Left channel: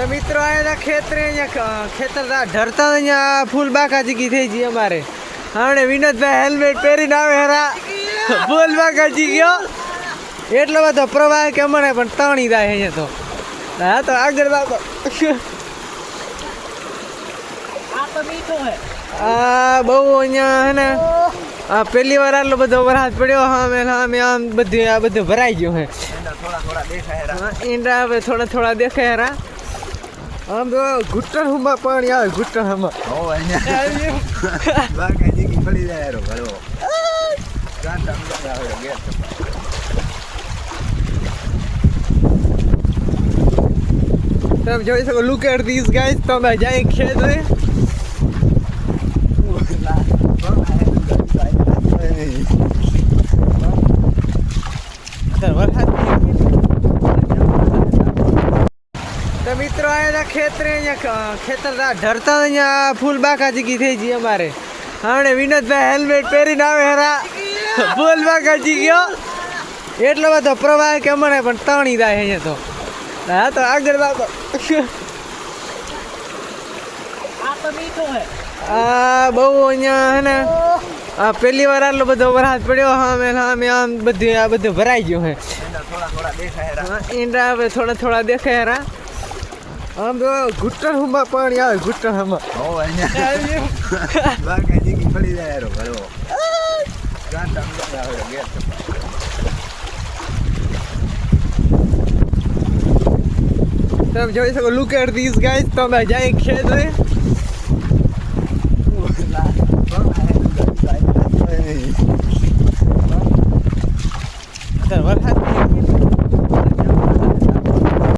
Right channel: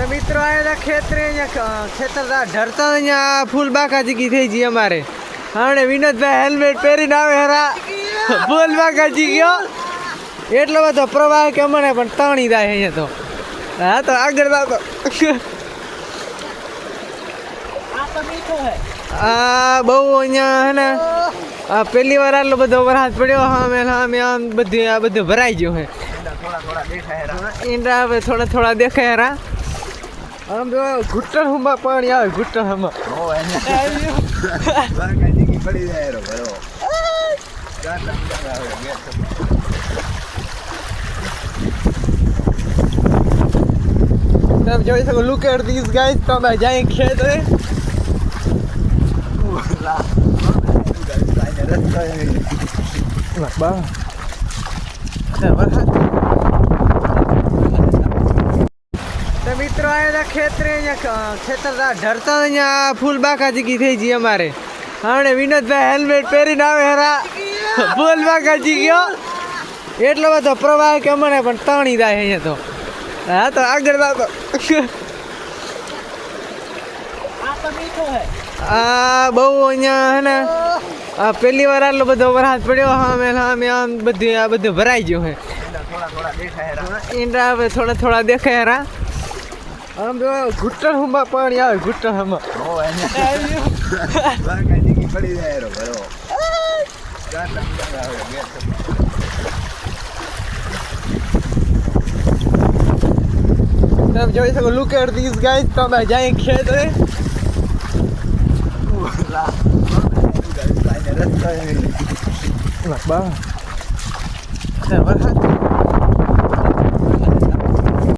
तो मित्रों आया था खेतरे खेतर धरता अँ फूल बाका जीकी थी जी अमारे हमने विनोद भाई हेलमेट पहरीने आवे हरा फूल बाका जी गयो એટલો બધો પ્રવાહ કે અમને પણ તાણી જાય અહીંયા તો હા તો આગળ જાવ આ બહુ અહીંયા હે ને આ પહેલી વાર આટલો બધો વરસાદ પડ્યો સામે આમ બધું આ બધું ભરાઈ ગયું હે ઈંડા હવે થોડા થોડા દેખાય રા આમ તો ઘૂંટણ હુંમાં પાણી આવે ઘૂંટણ હુંમાં તમે જોઈ શકો લુક એટ ધીસ ગાઈસ તો અમે જાય ખેત રે तो मित्रों आया था खेतरे खेतर धरता अँ फूल बाका जीकी थी जी अमारे हमने विनोद भाई हेलमेट पहरीने आवे हरा फूल बाका जी गयो એટલો બધો પ્રવાહ કે અમને પણ તાણી જાય અહીંયા તો હા તો આગળ જાવ આ બહુ અહીંયા હે ને આ પહેલી વાર આટલો બધો વરસાદ પડ્યો સામે આમ બધું આ બધું ભરાઈ ગયું હે ઈંડા હવે થોડા થોડા દેખાય રા આમ તો ઘૂંટણ હુંમાં પાણી આવે ઘૂંટણ હુંમાં તમે જોઈ શકો લુક એટ ધીસ ગાઈસ તો અમે જાય ખેત રે વરસાદ